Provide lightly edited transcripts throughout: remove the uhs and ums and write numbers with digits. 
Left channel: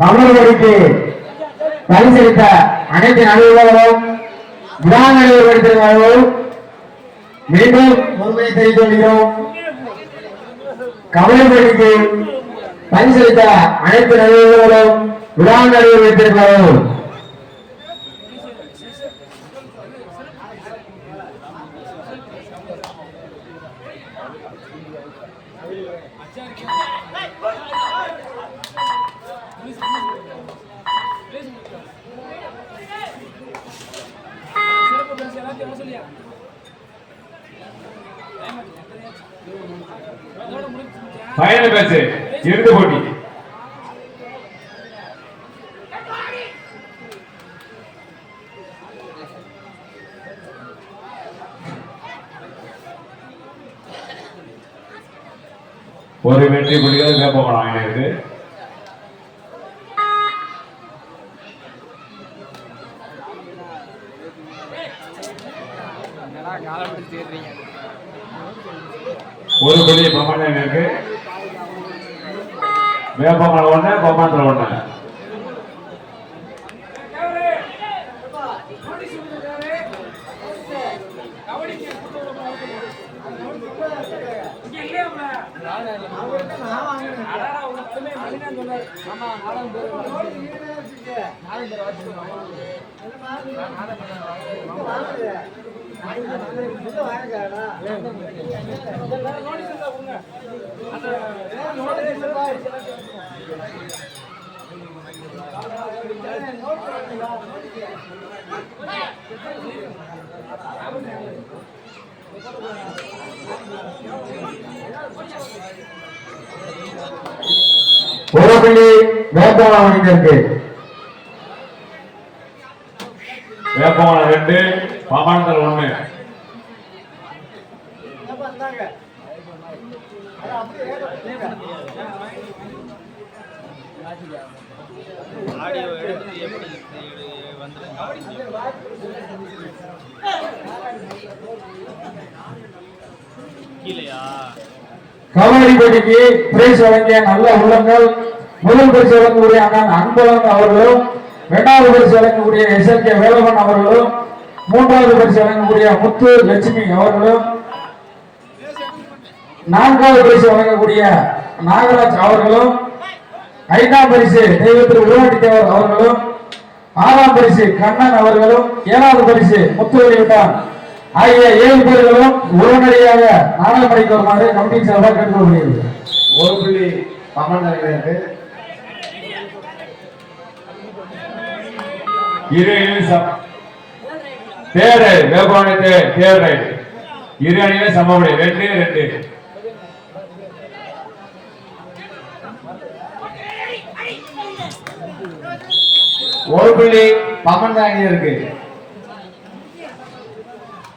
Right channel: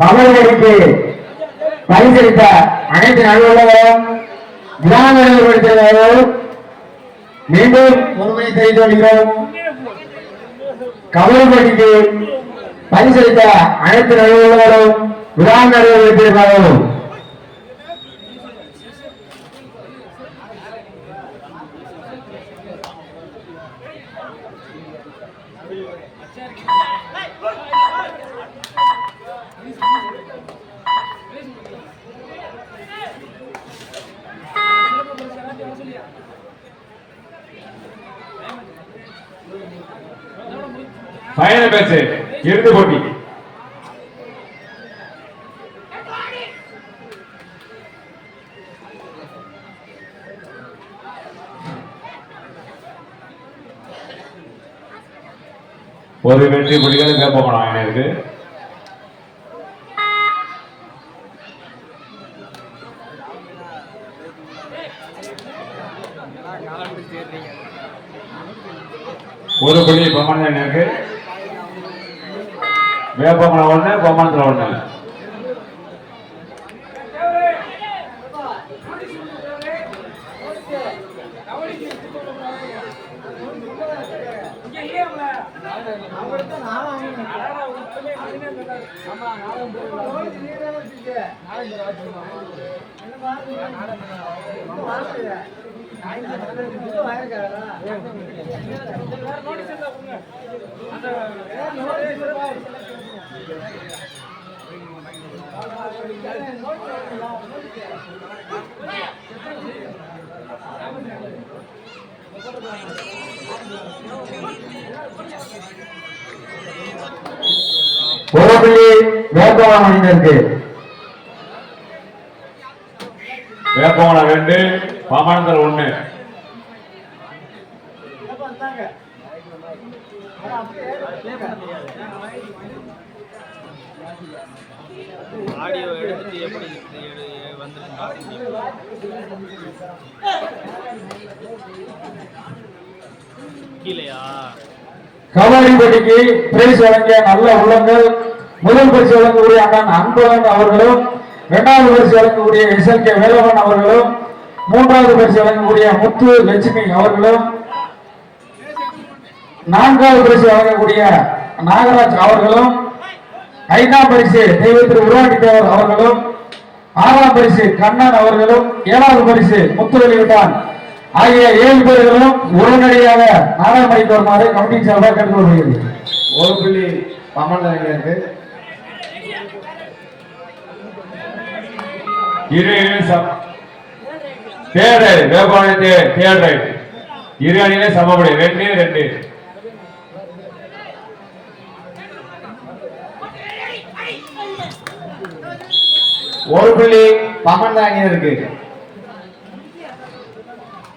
கமல்களுக்கு பரிசளித்த அனைத்து நடுவர்களும் விழாமணிவர்களும் மீண்டும் உண்மையை தெரிவித்து வருகிறோம். கமல்களுக்கு பரிசளித்த அனைத்து நடுவர்களும் விழாமணிவர்களும் ஃபைனல் மேட்ச் இறுதி போட்டி. ஒரு வெற்றி புள்ளிகள் வேப்பமலம் இருக்கு. ஒரு புள்ளி பமாண்டா இருக்கு. வேப்பமலம் ஒண்ணு, பமாண்டா ஒண்ணு. ஒரு புள்ளி வேப்பமலம் இருக்கு. வேப்பமலம் 2, பமாண்டல் 1. கபடி போட்டிக்கு பிரைஸ் வழங்கிய நல்ல உள்ளங்கள் முதல் பரிசு வழங்கக்கூடிய அண்ணன் அன்பழகன் அவர்களும், இரண்டாவது பரிசு வழங்கக்கூடிய SLK வேலவன் அவர்களும், மூன்றாவது பரிசு வழங்கக்கூடிய முத்து லட்சுமி அவர்களும், நான்காவது பரிசு வழங்கக்கூடிய நாகராஜ் அவர்களும், ஐந்தாம் பரிசு தெய்வத்திரு உருவாட்டி தேவர் அவர்களும், ஆறாம் பரிசு கண்ணன் அவர்களும், ஏழாவது பரிசு முத்துவெளிவிட்டான் ஆகிய 7 பேர்களும் உடனடியாக நாடாளுமன்றக்கு வருமாறு கமிட்டி சார்பாக கேட்டுக்கொள்கிறது. ஒரு புள்ளி பமாண்டா இரு அணியிலே சமபடி 2-2. ஒரு புள்ளி பமாண்டா இருக்கு.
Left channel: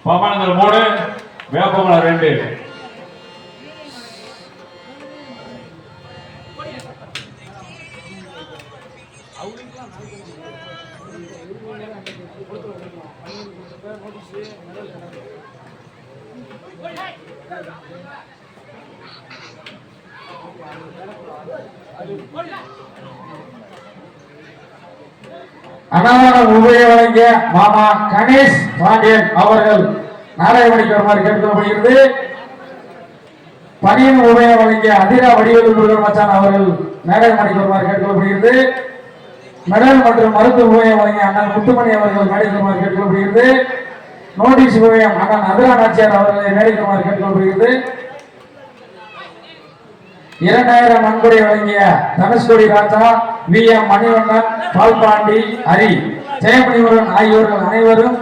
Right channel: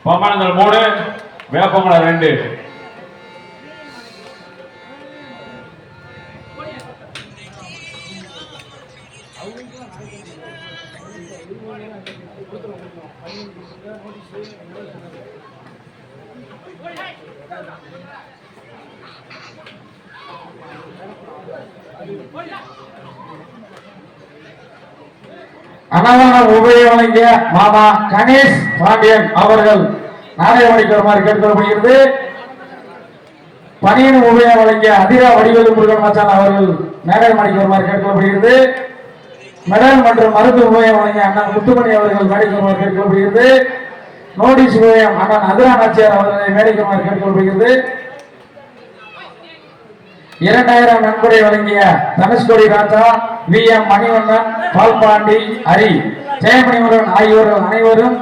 பமாண்டல் 3, வேப்பமலம் 2. அன்னதானம் உபய வழங்கிய மாமா கணேஷ் பாண்டியன் அவர்கள் நாடகமணிக்கு வருமாறு கேட்டுக்கொள்ளப்படுகிறது. பணியின் உபய வழங்கிய அதிரா வடிவேலு முருகன் மச்சான் அவர்கள் நாடகமணிக்கு வருமாறு கேட்டுக்கொள்ளப்படுகிறது. மெடல் மற்றும் மருந்து உபயம் வழங்கிய அண்ணன் முத்துமணி அவர்கள் மேடைக்கு வருமாறு கேட்டுக்கொள்ளப்படுகிறது. நோட்டீஸ் உபயம் அண்ணன் அதிரா நாச்சியார் அவர்களை மேடைக்கு வருமாறு கேட்டுக்கொள்ளப்படுகிறது. 2000 நன்கொடை வழங்கிய தனுஷ்கோடி ராஜா, VM மணிவண்ணன், பால்பாண்டி, ஹரி, ஜெயமணிவரன் ஆகியோர்கள் அனைவரும்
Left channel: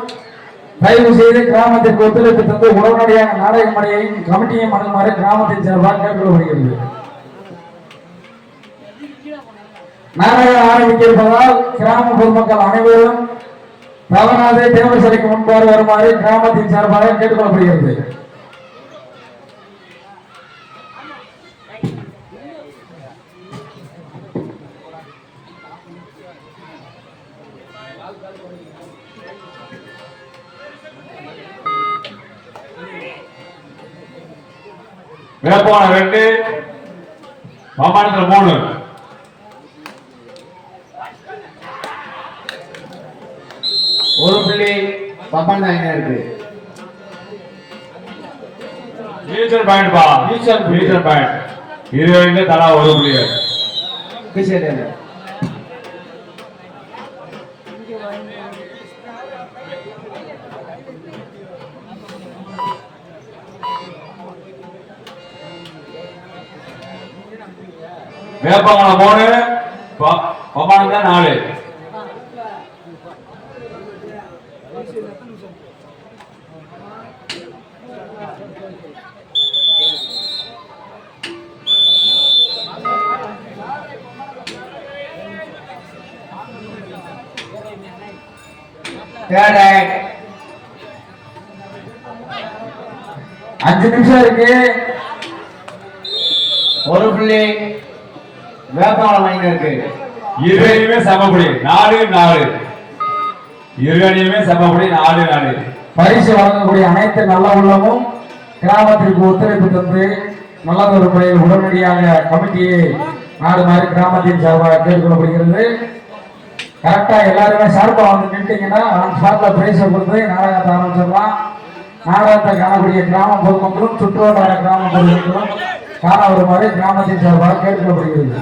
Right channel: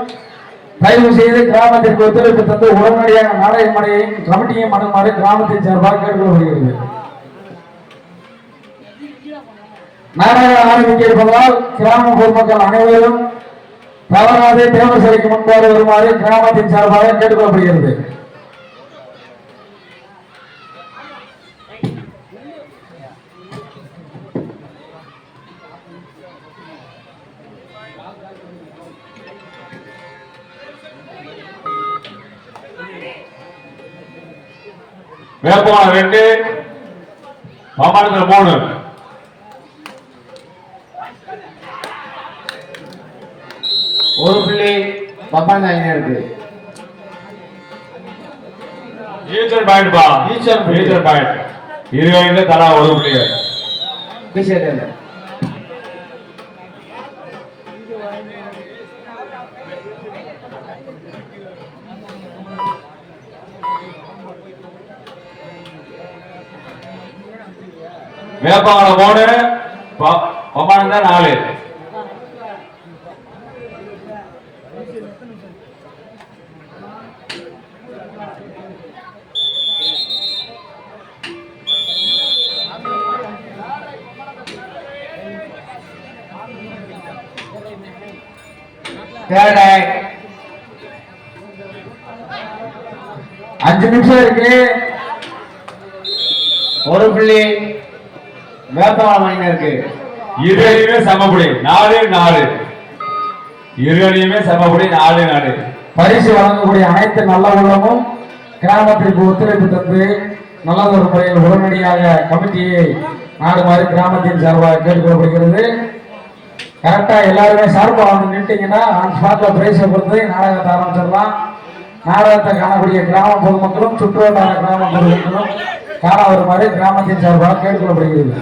தயவு செய்து கிராமத்திற்கு ஒத்துழைப்பு தந்து உடனடியாக நாடக மனையையும் கமிட்டியையும் அணுகுமாறு கிராமத்தின் சார்பாக கேட்டுக்கொள்ளப்படுகிறது. நாடகம் ஆரம்பிக்க இருப்பதால் கிராம பொதுமக்கள் அனைவரும் தவறாது தேவர் சிலைக்கு முன்பாடு வருமாறு கிராமத்தின் சார்பாக கேட்டுக்கொள்ளப்படுகிறது. வேப்பமான 2 மாமானத்தில் 3 ஒரு புள்ளி பம்மாண்டாங்க இருக்கு. ஈச்சர் பாயிண்ட் பா ஈச்சர் பாயிண்ட் இருவங்க தலா ஒரு புள்ளி கிஷேதன் வேப்பமான 3 பம்மானந்த 4 5 நிமிஷம் இருக்கு. ஒரு புள்ளி வேப்பமான இருக்கு. இருவரையுமே சமப்படி 4-4 இருவரையுமே சமப்படி 4-4 பரிசு வழங்கக்கூடிய அனைத்து நல்ல உள்ளமும் கிராமத்திற்கு ஒத்துழைப்பு தந்து நல்லதொரு முறையில் உடனடியாக கமிட்டியை நாடுமாறு கிராமத்தின் சார்பாக கேட்டுக்கொள்ளப்படுகிறது. கரெக்டா எல்லாருமே சார்பாக வந்து நின்றுட்டீங்கன்னா அந்த ஸ்பாட்ல பிரைஸ் கொடுத்து நாடகத்தை ஆரம்பிச்சிடலாம். நாடகத்தை காணக்கூடிய கிராம பொதுமக்களும் சுற்றுவட்டார கிராம பொதுமக்களும் காண வருமாறு கிராமத்தின் சார்பாக கேட்டுக்கொள்ளப்படுகிறது.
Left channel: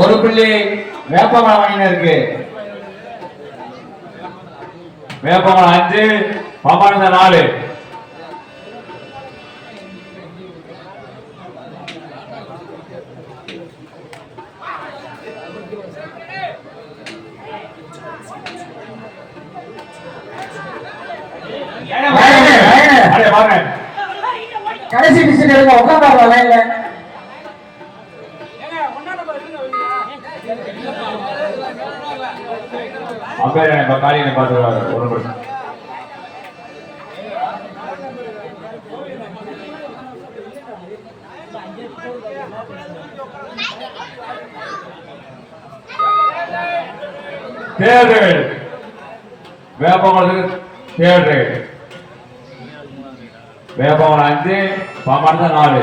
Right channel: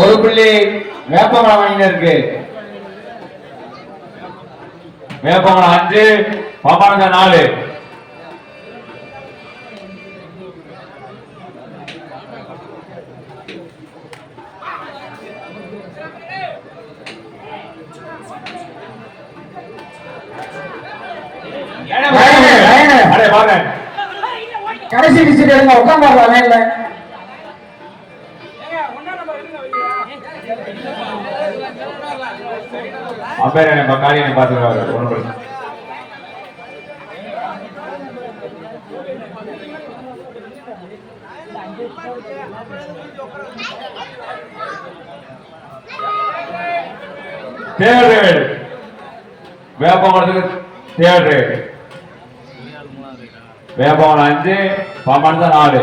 ஒரு புள்ளி வேப்பமான இருக்கு. வேப்பமான 5 பம்மானந்த 4 கடைசி டிஸ்ட்ரிக்ட் எடுங்க உட்கார்ந்தாங்க லைன்ல. அம்பேர் நம்ம காலியை பார்த்துக்கிறாரு ஒன்று தேர்ட் வேப்பமரத்துக்கு தேர்ட் வேப்பமரம் 5 பம்மானந்த 4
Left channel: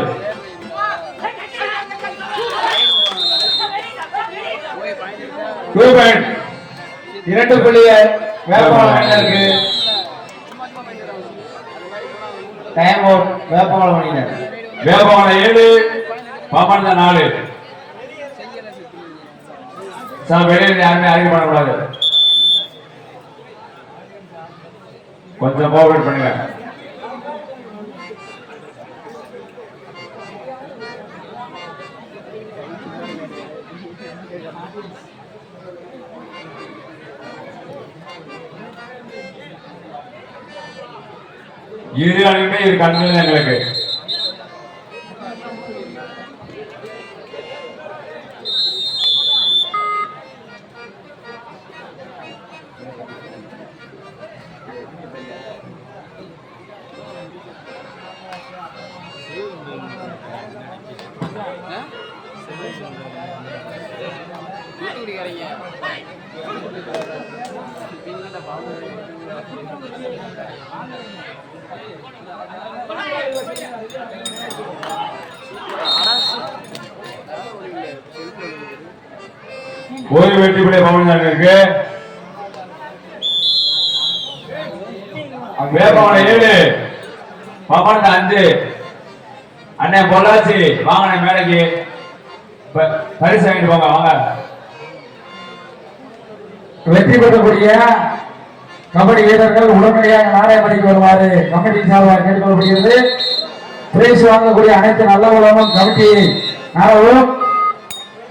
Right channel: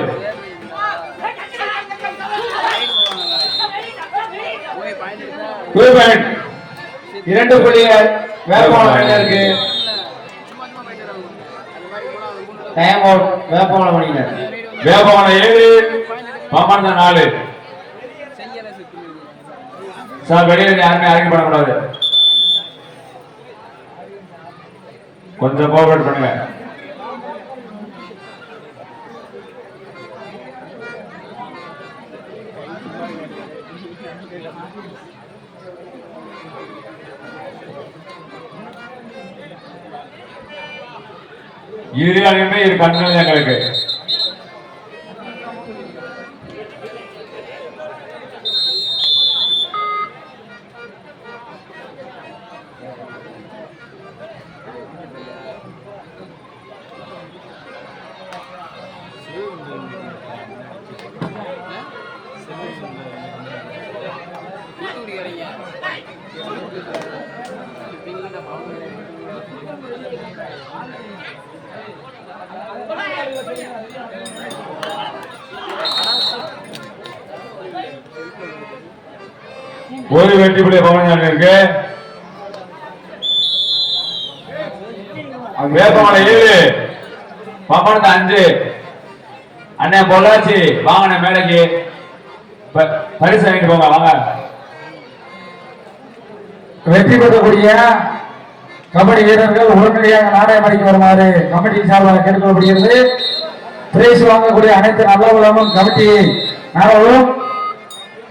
2 புள்ளி வேப்பமான இருக்கு. டைம் அவுட் வேப்பமான வேப்பமரம் 7 பம்மானந்த 4 சார் வெளியே யாருமே அரேஞ்ச் பண்ணக்கூடாது. கொஞ்சம் கோஆபரேட் பண்ணுங்க. இரு அணியுமே இரு கண்கள் எங்களுக்கு ஒரு வெற்றி புள்ளி பவன் இருக்கு. வேப்பமலை 7 பம்மானந்த 5 அண்ணே பொள்ளாச்சி வாங்க மேலைக்கு பரிசு வாங்கிட்டு போங்க வாங்க. வெற்றி பெறக்கூடிய கபடி வீரர்கள் உடனடியாக நாராயணபடிக்கு வருமாறு கமிட்டி சார்பாக கேட்டுக்கொள்ளப்படுகிறது. பிரைஸ் வாங்கக்கூடிய அனைத்து நல்ல உள்ளமும் கமிட்டியை நாடவும்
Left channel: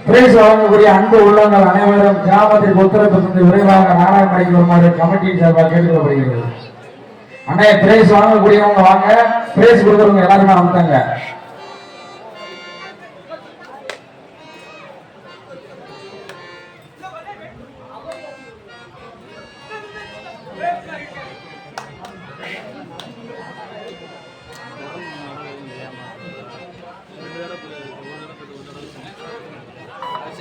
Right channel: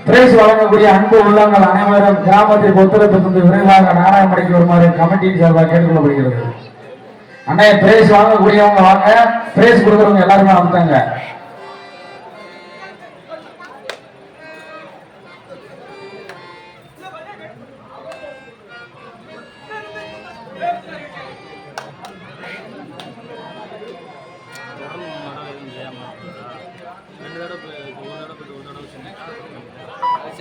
பிரைஸ் வழங்கக்கூடிய அன்பு உள்ளங்கள் அனைவரும் கிராமத்திற்கு ஒத்துழைப்பு தந்து விரைவாக நாராயணபடிக்கு வருமாறு கமிட்டியின் சார்பாக கேட்டுக்கொள்ளப்படுகிறது. அண்ணே பிரைஸ் வாங்கக்கூடியவங்க வாங்க, பிரைஸ் கொடுக்குறவங்க எல்லாருமே வந்துட்டாங்க.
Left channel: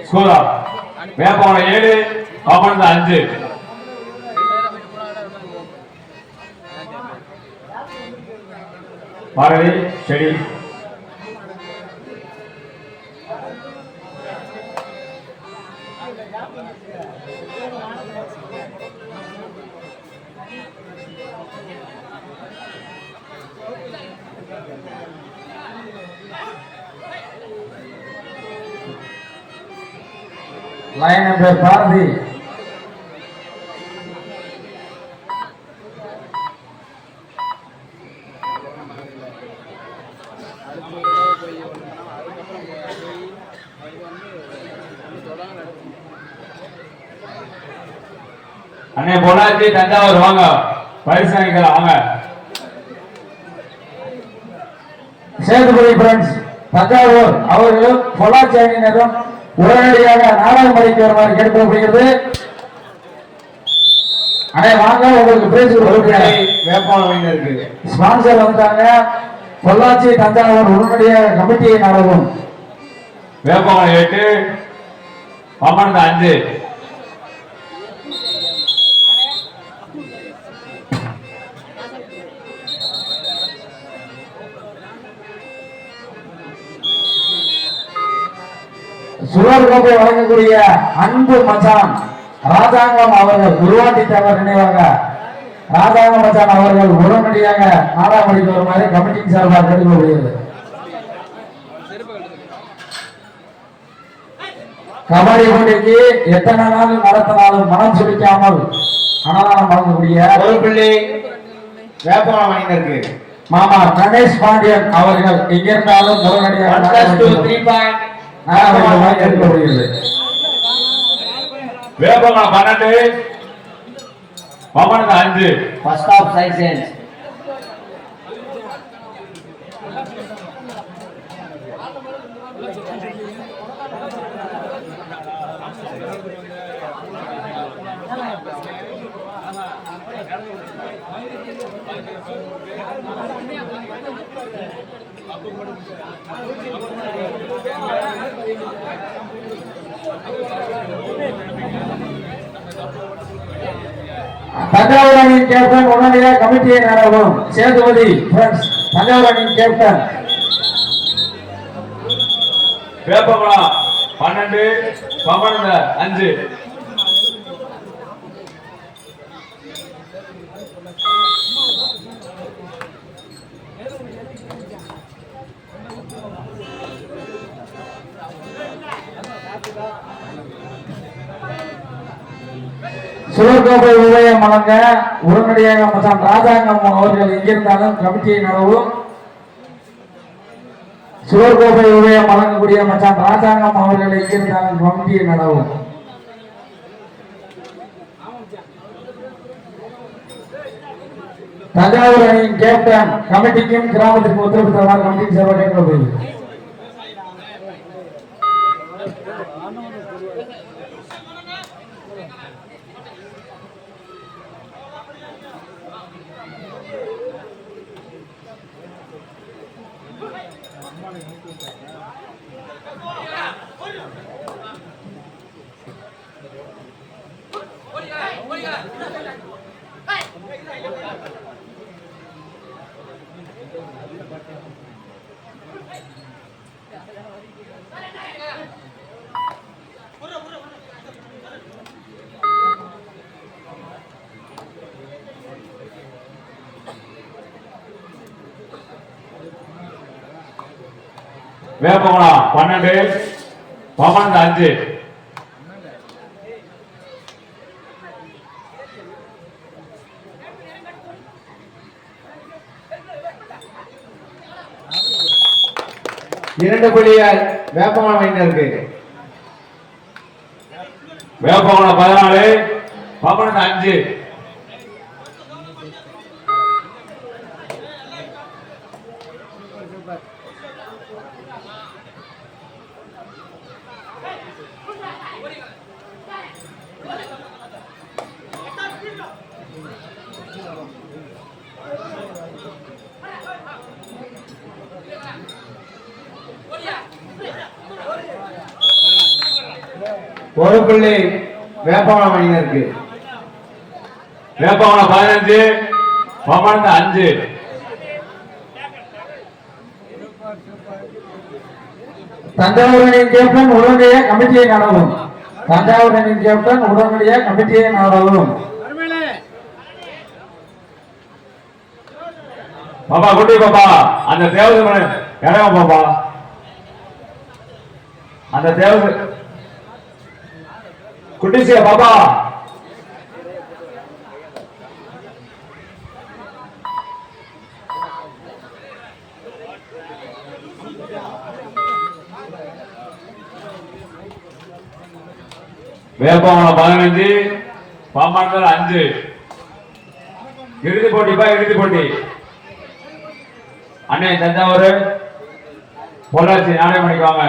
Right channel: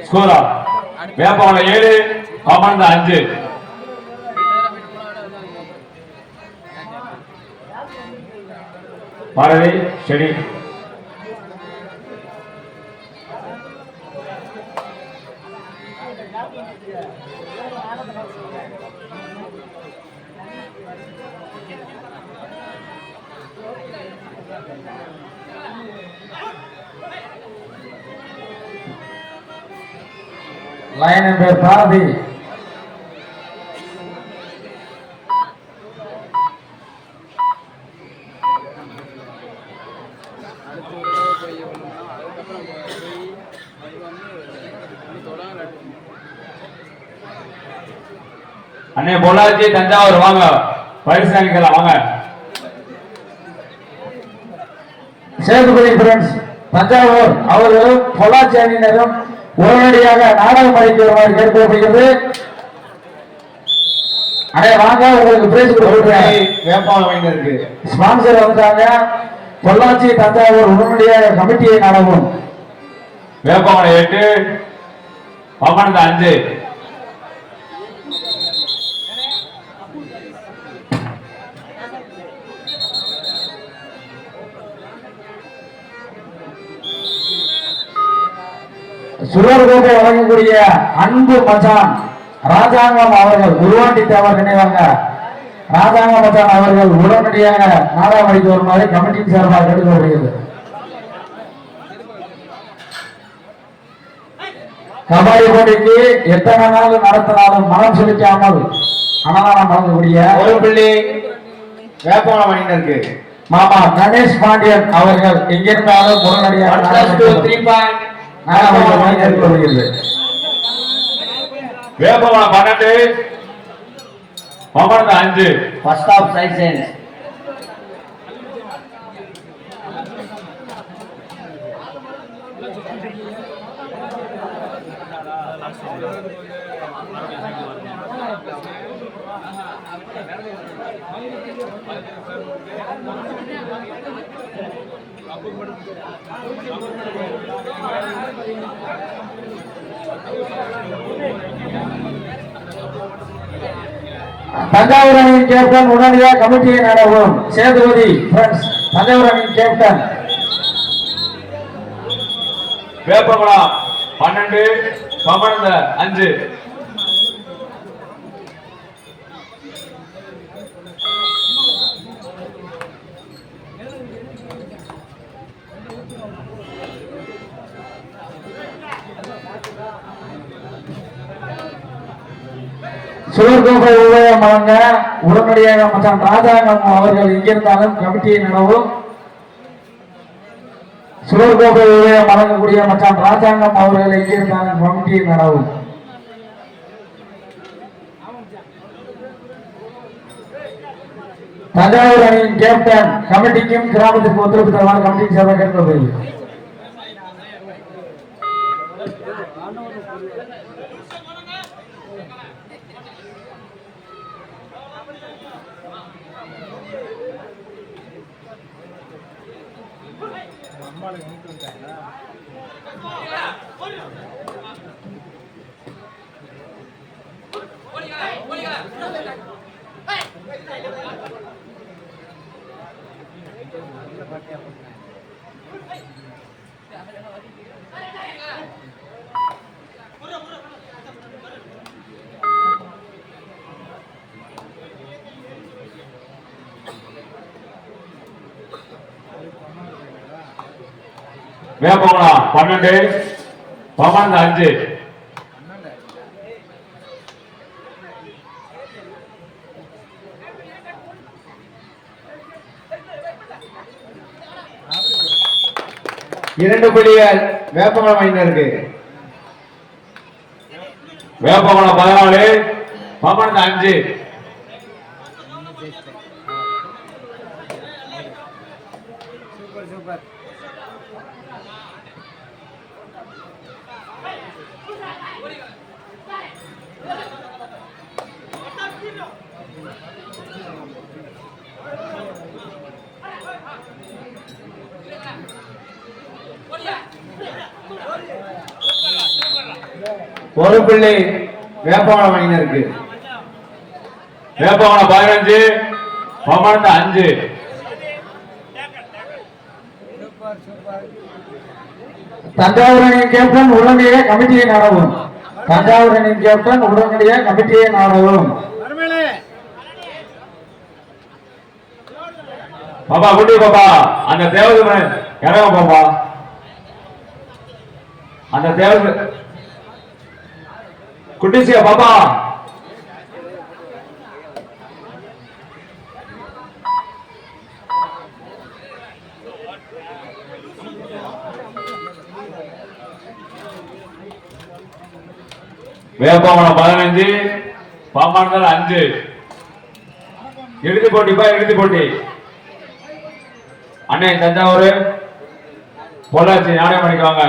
ஸ்கோரா வேப்பவன 7 பாபனந்த 5. பாரதி செடி லைன் நம்பர் பாரதி அண்ணே பொள்ளாச்சி தஞ்சாவூர் வாங்க, பரிசு வாங்கிக்கலாம் வாங்க. சேதுபதி ஃப்ரெண்ட்ஸ் தஞ்சாவூர் அவர்களும் பொள்ளாச்சி அணியினரும் உடனடியாக நாடகமடைக்கு வருமாறு கேட்கப்படுகிறது. அண்ணே வாங்க, உங்களுக்கு பிரைஸ் கொடுக்குறேன். வேப்பவளம் இருக்கு. ஸ்பான்சர் வந்தாங்க. பொள்ளாச்சி தஞ்சாவூர் உடனடியாக கமிட்டியை நடவும். வேப்பவன 8 பாபனந்த 5. சுழல் கோப்பை வழங்கக்கூடிய அன்பு மச்சான் ராஜாங்கம் அவர்கள் உருவாண்டி தேவர் நினைவாக ராஜாங்கம் மச்சான் அவர்கள் உடனடியாக நாடாமணிக்கு வருமாறு கமிட்டியின் சார்பாக கேட்டுக்கொள்ளப்படுகிறது. கபடி போட்டிக்கு எத்தனை நாள் நடத்தினாலும் மனம் சுழிக்காமல் அன்னதானம் வழங்கக்கூடிய ஒரு புள்ளி வேப்பவளம் இருக்கு. மாமா கணேஷ் பாண்டியன் அவர்கள் எங்கிருந்தாலும் உடனடியாக நாடாமணிக்கு கேட்டுக்கொள்ளப்படுகிறது. வேப்பவன 12 பாபனந்த 5. First half section. தஞ்சாவூர் அணியின் கேப்டன் உடனடியாக கமிட்டியை நடவும். சேதுபதி ஃப்ரெண்ட்ஸ் தஞ்சாவூர் அணியின் கேப்டன் வேப்பவன 12 பாபனந்த 5. சுழற்கோப்பை உபயம் வழங்க உடனடியாக மச்சான் ராஜாங்கம் அவர்கள் எங்கிருந்தாலும் கமிட்டியை நடவும். சுழற்கோப்பை உபயம் வழங்கக்கூடிய மச்சான் ராஜாங்கம் அவர்கள் எங்கிருந்தாலும் கமிட்டியை நடவும். தஞ்சாவூர் அணியின் கேப்டன் கமிட்டிக்கும் கிராமத்திற்கு ஒத்துழைப்பு தருமாறு கமிட்டிக்கு சேவை கேட்கப்படுகிறது. வேப்பவன 12 பாபனந்த 5. 2 புள்ளிகள் வேப்பமலம் அணியினருக்கு. வேப்பகுளம் 14 பமணத்து 5. ஒரு புள்ளி வேப்பமலம் அணியினருக்கு. வேப்பகுளம் 15 பமணத்து 5. தஞ்சாவூர் அணியின் கேப்டன் உடனடியாக கமிட்டியை நாடவும். தஞ்சாவூர் அணியின் கேப்டன் உடனடியாக கமிட்டியை நாடவும். பாப்பா குட்டி பாப்பா அந்த தேவதை இறங்க பாப்பா. அந்த தேவதை குட்டிசியா பாப்பா. வேப்பகுளம் 15 பாமணத்தில் 5. இறுதி போட்டிப்பா, இறுதி போட்டி. அண்ணே தஞ்சாவூர் பொள்ளாச்சி நாடகம் பண்ணிக்குவாங்க.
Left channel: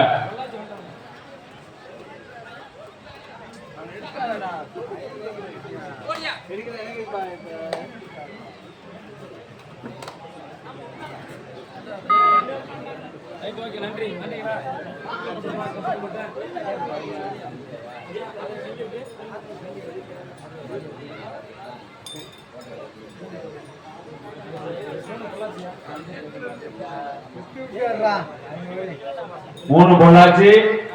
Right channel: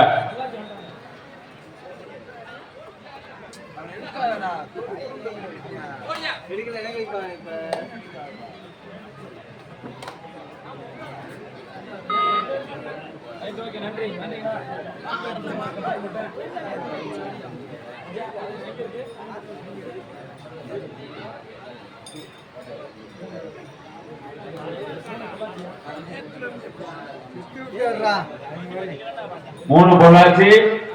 மூணு பொள்ளாச்சி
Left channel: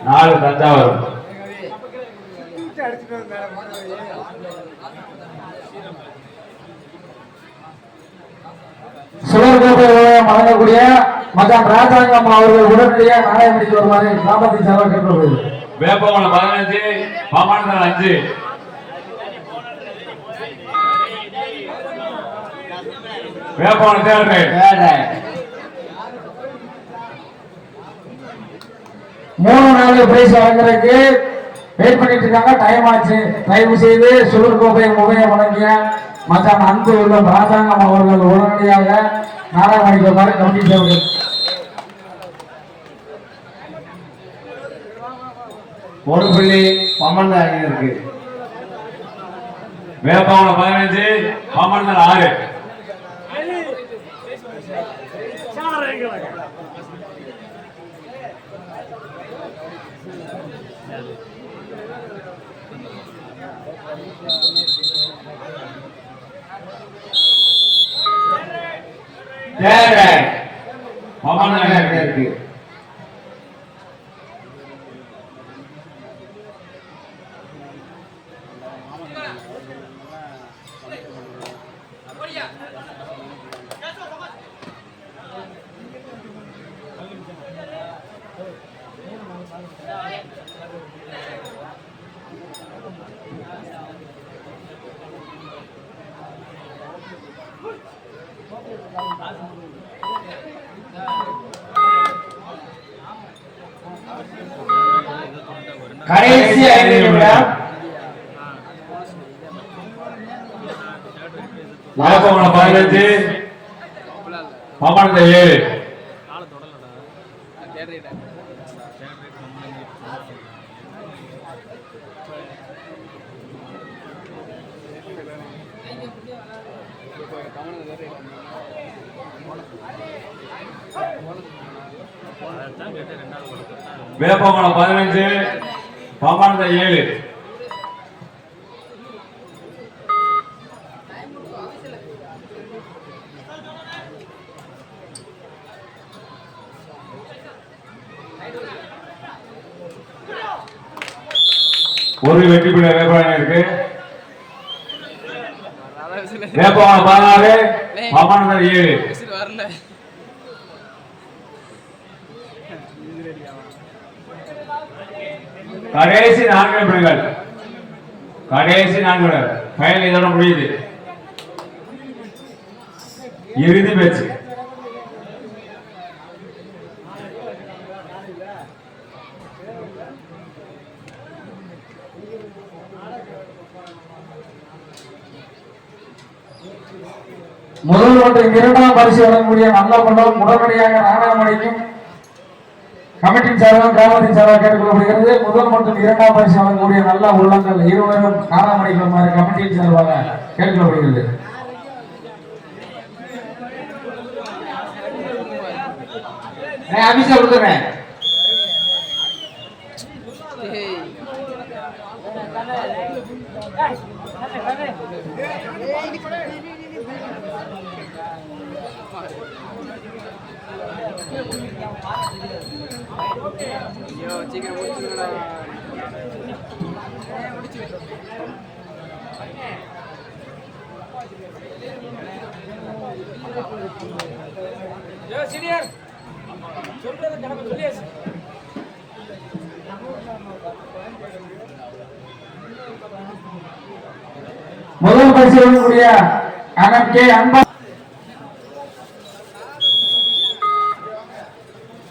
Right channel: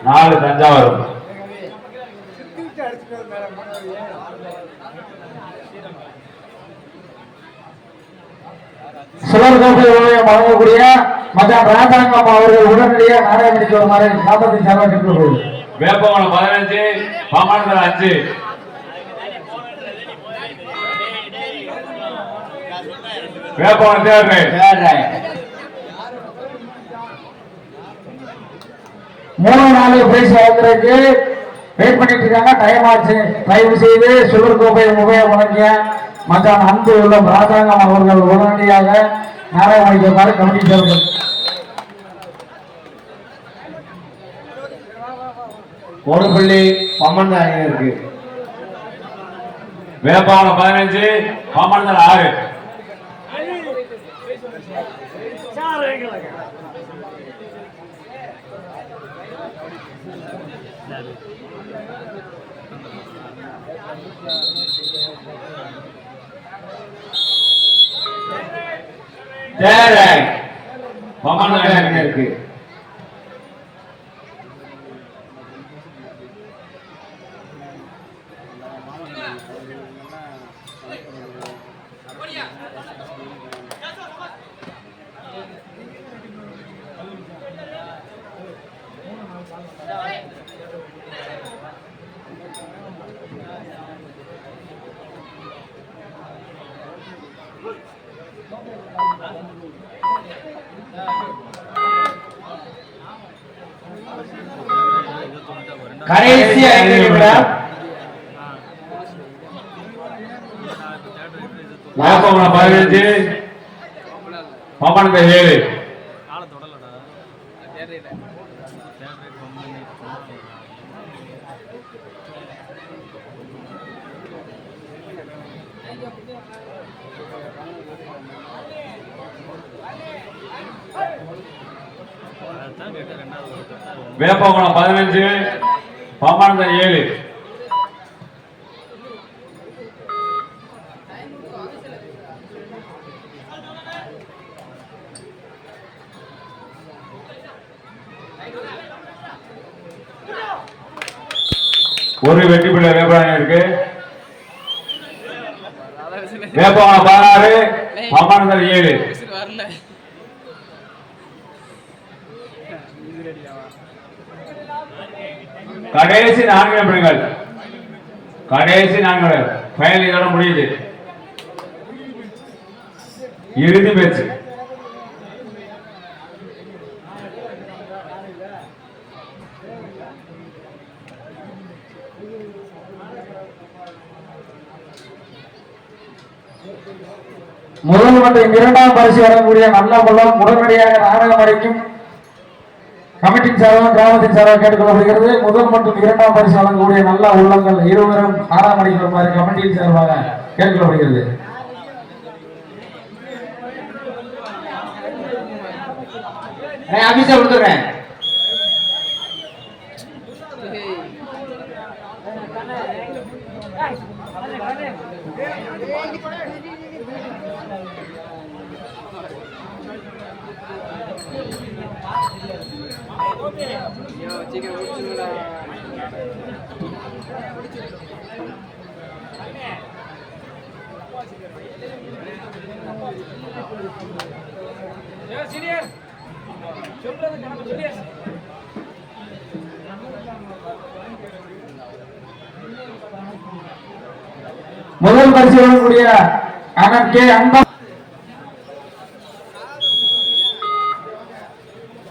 4 தஞ்சாவூர். சுவர்கோப்பை வழங்கக்கூடிய மச்சான் ராஜாங்கம் அவர்கள் உடனடியாக நாடகம் நடிக்க வருமாறு கிராமத்தின் சார்பாக கேட்டுக்கொள்வது. வேப்பகுளம் 15 பாமணத்தில் 5. வேப்பகுளம் தேவை 3-4 பிரைஸ் வழங்குறதுக்கு வெயிட் பண்ணிட்டு இருக்காங்க. டைம் ஆச்சு. தயவு செய்து சுகர் கோப்பை உபயோகப்படுங்க. மச்சான் அன்பு உள்ள ராஜாங்கம் அவர்கள் உடனடியாக நாடகம் அளிக்குமாறு கமிட்டி சேர்ந்தது. ஒரு புள்ளி பமணத்து அணியினருக்கு. வேப்பகுளம் 15 பாமணத்தில் 6. பமணத்து அணியினருக்கு. கடைசி 5 நிமிடம். வேப்பகுளம் 15 பாமணத்தில் 7. வேப்பகுளம் 15 பாமணத்தில் 7. ஒரு வெற்றி புள்ளி வேப்பகுளம் இருக்கு. வேப்பகுளம் 16 பாமணத்தில் 7. கடைசி 4 நிமிடங்கள். கடைசி 4 நிமிடங்கள். ஃபைனல் இதோட முடியுது. இறுதி மேட்ச். முதல் மற்றும் இரண்டாம் பரிசு வழங்கக்கூடிய நல்ல உள்ளம் உடனடியாக நாடகம் அடைக்கும் கமிட்டியின் சார்பாக கிராமத்தின் சார்பாக கேட்டுக்கொள்ளப்படுகிறது. முதல் மற்றும் இரண்டாம் பரிசு வழங்கக்கூடிய நல்ல உள்ளங்கள் இருவரும் நாடகம் அடைக்குமாறு கமிட்டியின் சார்பாக கேட்டுக்கொள்ளப்படுகிறது. ஆபீஸா கொடுத்துறேன். முதல் பரிசு வழங்கக்கூடிய அண்ணன் கே அன்பா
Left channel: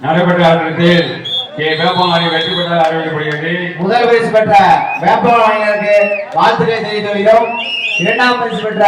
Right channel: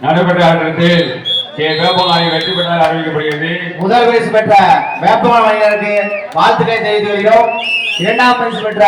நடைபெற்ற ஆட்டத்தில் கே வேப்பமாரி வெற்றி பெற்றால் அறிவிக்கப்படுகிறது. முதல் பரிசு பெற்ற வேப்பமரம் வாங்கினருக்கு வாழ்த்துக்களை தெரிவித்து வருகிறோம். இரண்டாம் பரிசு பெற்ற